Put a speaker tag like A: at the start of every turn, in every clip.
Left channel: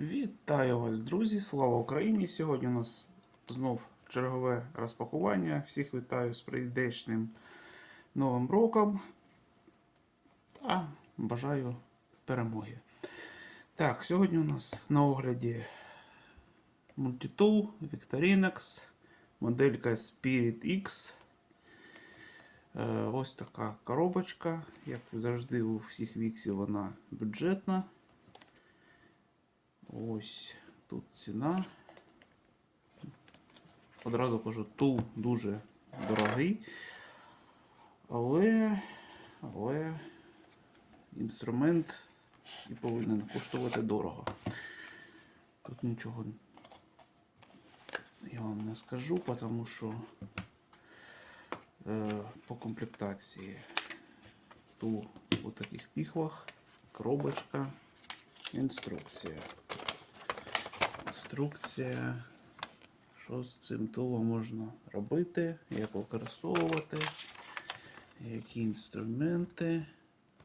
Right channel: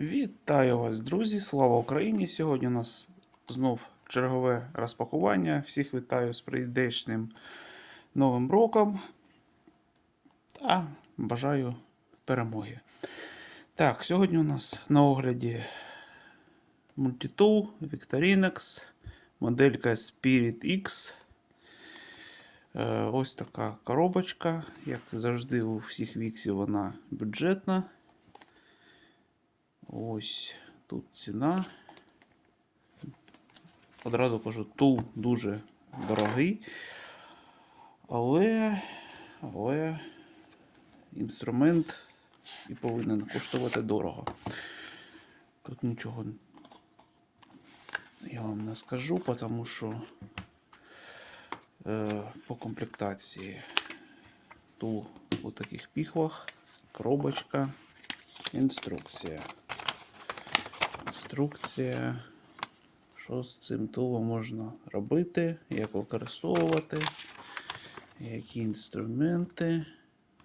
A: Вітаю вас, друзі! Слава Україні! Сьогодні у нас знов чергове розпакування. Всіх вітаю з прийдешнім Новим роком та бажаю перемоги. Так, сьогодні у нас на огляді Multitool Victorinox, моделька Spirit X. Е, Ось така коробочка. Як завжди, у всіх віксів вона бюджетна. Ось тут ціна. Одразу кажу, тул дуже дорогий. Але, але інструмент і повинен коштувати дорого. Тут нічого я вам не скажу, тому що е, по комплектації тул у таких піхвах, коробочка, інструкція. Інструкція, що з цим тулом можна робити, як використовувати, які інструменти.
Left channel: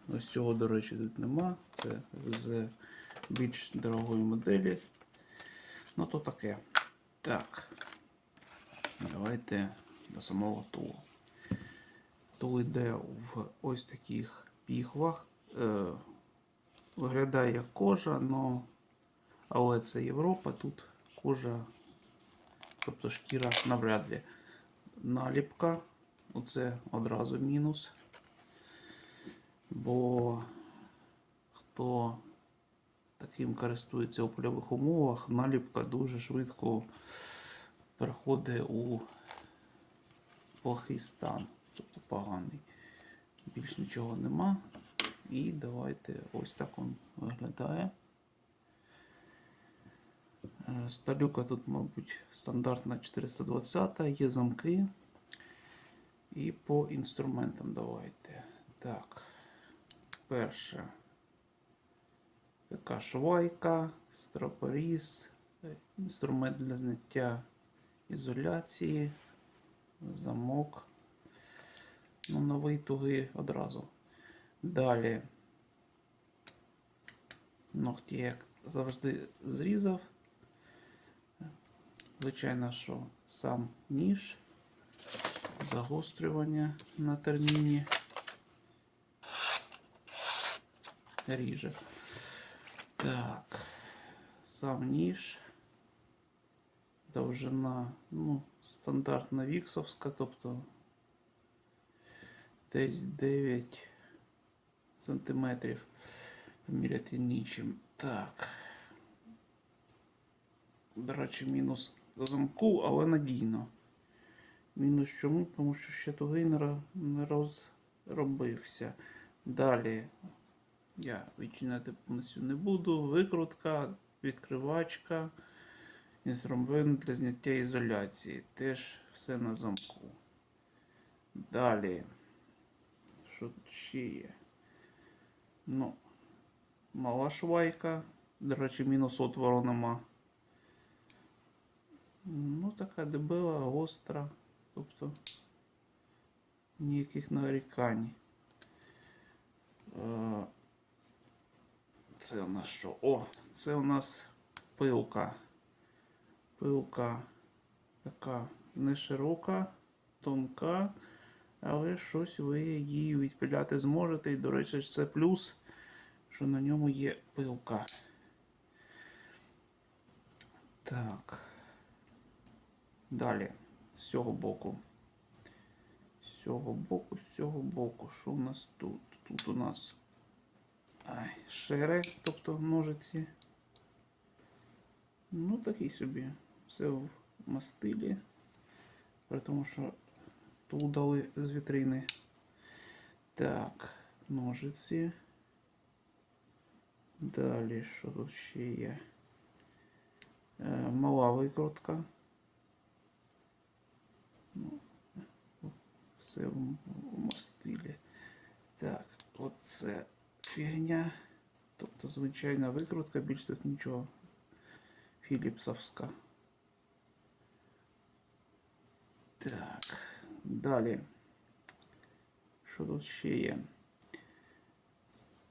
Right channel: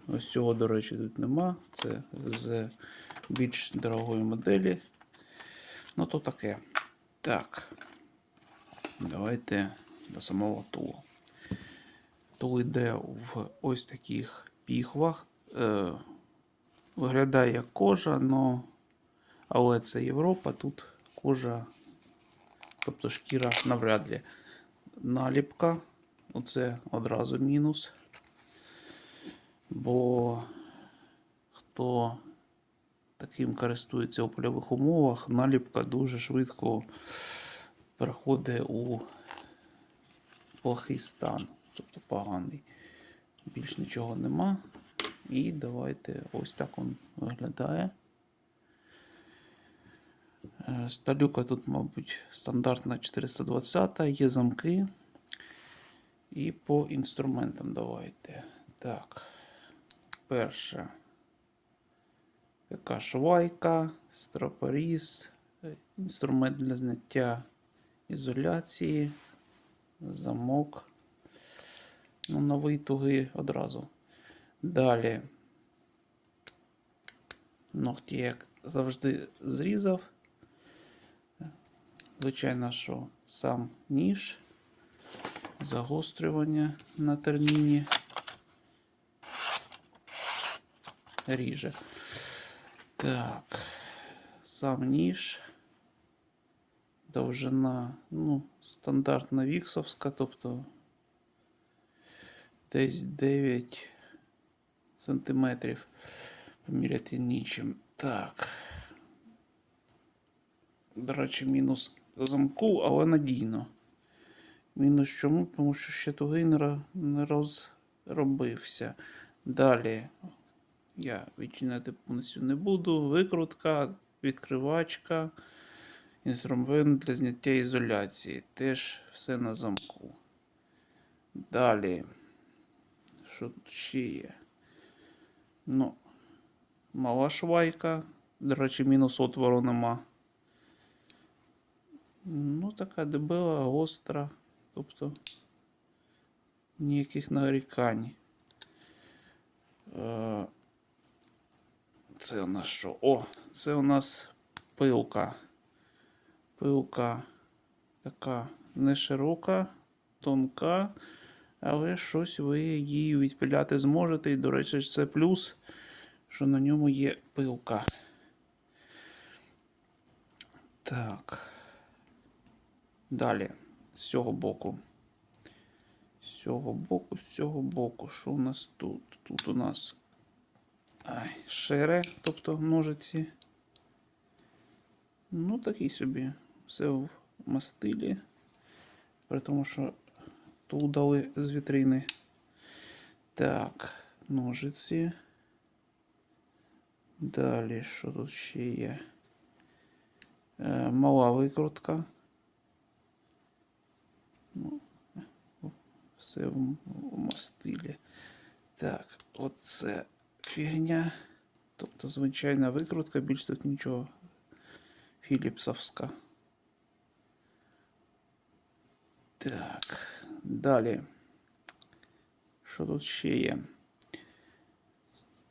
A: Ось цього, до речі, тут нема. Це з більш дорогої моделі. Ну, то таке. Так. Давайте до самого тулу. Тул йде в ось таких піхвах. Е, виглядає як кожа, но, але це Європа, тут кожа, тобто шкіра навряд ли. Наліпка, оце одразу мінус. Бо хто таким користується у польових умовах, наліпка дуже швидко переходить у плохий стан, тобто поганий. Більш нічого нема. І давайте ось так він виглядає. Е, Сталюка тут, мабуть, стандартна 420, є замки. І по інструментам давайте. Так, перше. Така швайка, стропоріз, е, інструмент для зняття ізоляції, замок. Ну, новий тугий одразу. Далі. Ногті, як завжди, зрізав. Звичайно, що сам ніж, загострювання на терміні. Ріже. Так, сам ніж. Довжина, ну, стандартна віксовська, тобто десь 9 сантиметрів. Поміряти нічим. Так. До речі, мінус замку, але надійно. Мінус чому? Тому що ще тугий не розробився. Далі я відчиняти повністю не буду. Викрутка, відкривачка, інструмент для зняття ізоляції. Теж все на замку. Далі. Що тут ще є? Ну, мала швайка. До речі, мінус отвору нема. Ну, така дебела, гостра. Тобто ніяких нарікань. Е, Це у нас що? О, це у нас пилка. Пилка така не широка, тонка, але щось ви її відпиляти зможете. І, до речі, це плюс, що на ньому є пилка. Так. Далі, з цього боку. З цього боку, з цього боку. Що у нас тут? Тут у нас ай, шери, тобто ножиці. Ну, такий собі. Все в мастилі. При тому, що ту дали з вітрини. Так, ножиці. Далі, що тут ще є? Е, мала викрутка. Все в, в мастилі. Так, оце фігня. Тобто звичайна викрутка, більш тут нічого. Філіпсовська. Так, далі. Що тут ще є?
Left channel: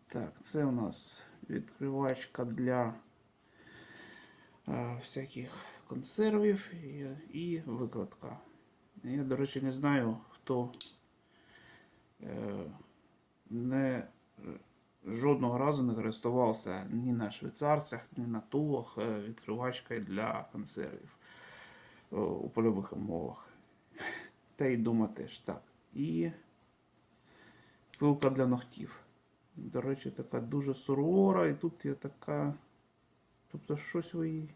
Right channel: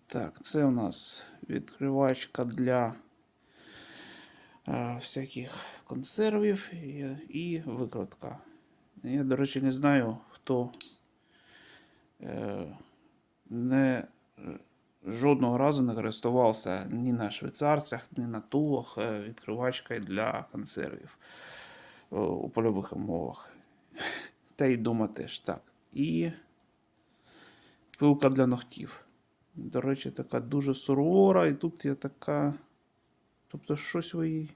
A: Так, це у нас відкривачка для е, всяких консервів і, і викладка. Я, до речі, не знаю, хто е, не, жодного разу не користувався ні на швейцарцях, ні на тулах е, відкривачкою для консервів е, у польових умовах. Та й дома теж так. І пилка для ногтів. До речі, така дуже сувора, і тут є така. Тобто щось ви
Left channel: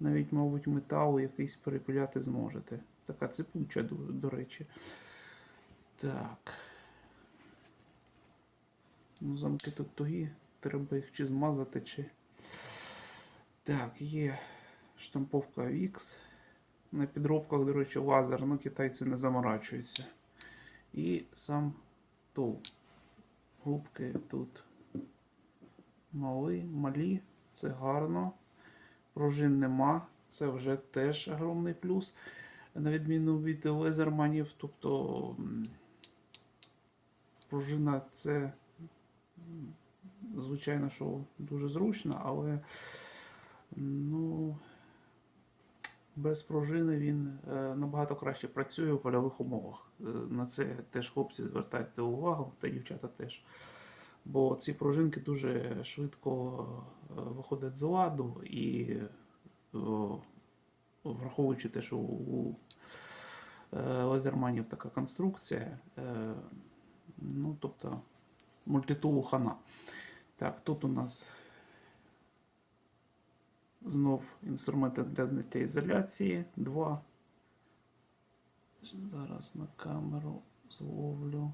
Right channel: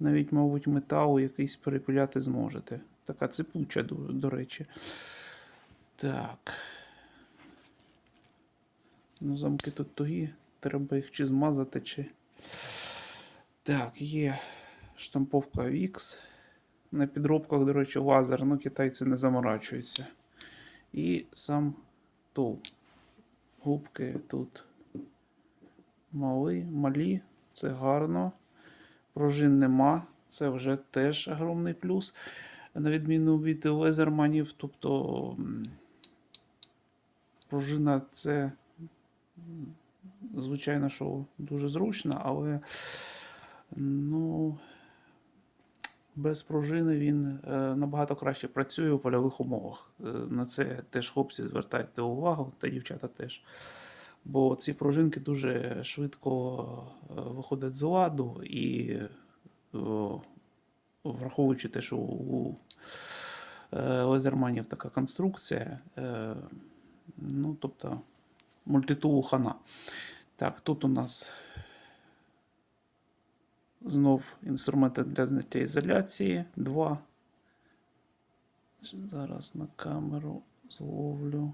A: навіть, мабуть, метал якийсь перепиляти зможете. Така цепуча, до, до речі. Так. Ну, замки тут тугі. Треба їх чи змазати, чи. Так, є штамповка X. На підробках, до речі, лазер, ну китайці не заморачуються. І сам тул. Губки тут мали, малі, це гарно. Пружин нема, це вже теж огромний плюс. На відміну від лезерманів, тобто пружина це, звичайно, що дуже зручно, але ну, без пружини він е, набагато краще працює у польових умовах. Е, На це теж хлопці звертайте увагу, та дівчата теж. Бо ці пружинки дуже швидко е, виходять з ладу і враховуючи те, що у е, лазерманів така конструкція, е, ну, тобто мультитулу хана. Так, тут у нас знов інструменти для зняття ізоляції. Два. Зараз на камеру зловлю.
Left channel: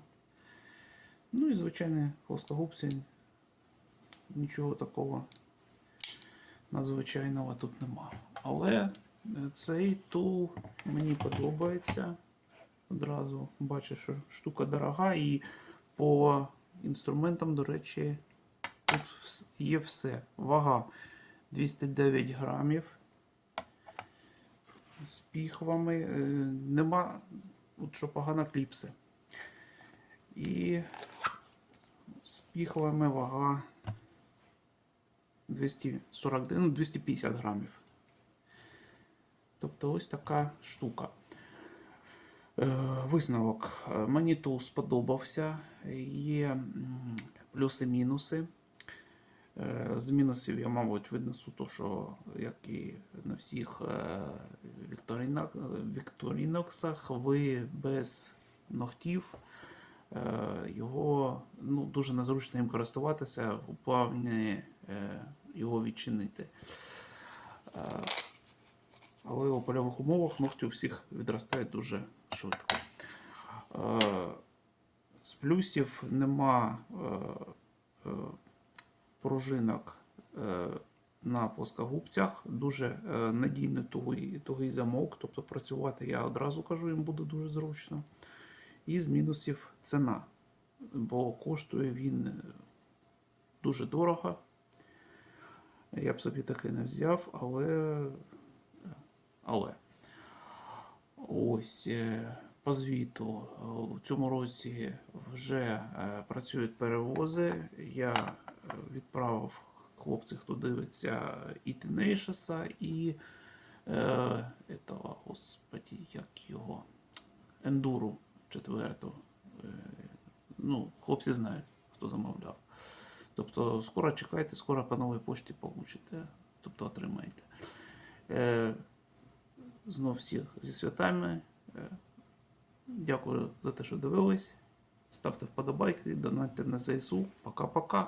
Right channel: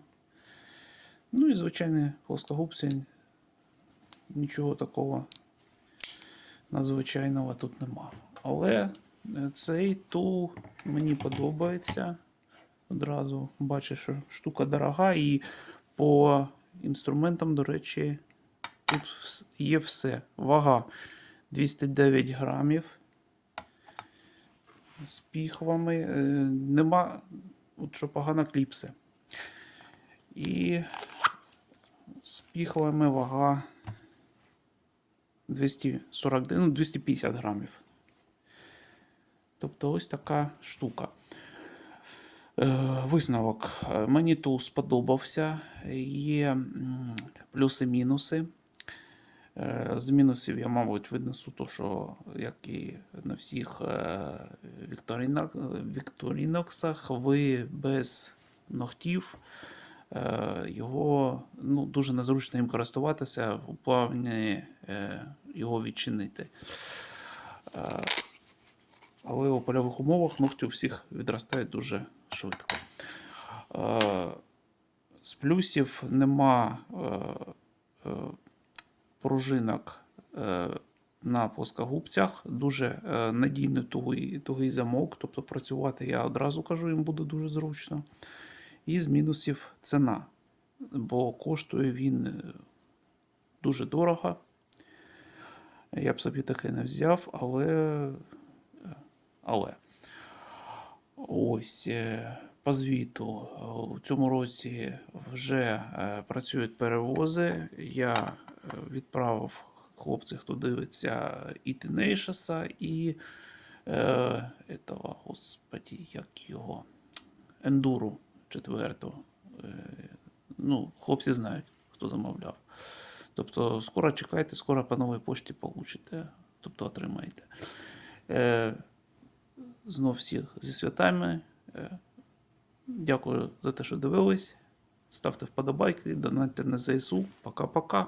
A: Ну і звичайні плоскогубці. Нічого такого надзвичайного тут нема. Але цей тул мені подобається. Одразу бачу, що штука дорога, і по інструментам, до речі, тут є все. Вага 209 грамів. З піхвами. Е, Нема, от що погано кліпси. І з піхвами вага 240, ну, 250 грамів. Тобто ось така штука. Е, Висновок. Е, Мені тул сподобався. Є плюси-мінуси. Е, З мінусів я, мабуть, винесу то, що як і на всіх вікторіноксах, ви без ногтів його ну, дуже незручно їм користуватися у плавні його відчинити. Але у польових умовах ногті у всіх відростають дуже швидко. Е, З плюсів нема е, е, пружинок на плоскогубцях, дуже надійний тугий, тугий замок, тобто працювати я одразу кажу, їм буде дуже зручно. І з мінусів ціна, бо коштує він дуже дорого. Я б собі таке не взяв, але. Але. Ось е, по звіту е, у цьому році вже е, працюють перевози. Я відправив хлопців, хто дивиться, і Тенейшеса, і е, этого, господі, як його ендуру четверту. Ну, хлопці знають, хто замовляв. Тобто, скоро чекайте, скоро по новій пошті получите, тобто отримаєте. Знов всіх зі святами. Е, Дякую за те, що дивились. Ставте вподобайки, донайте на ЗСУ. Пока-пока.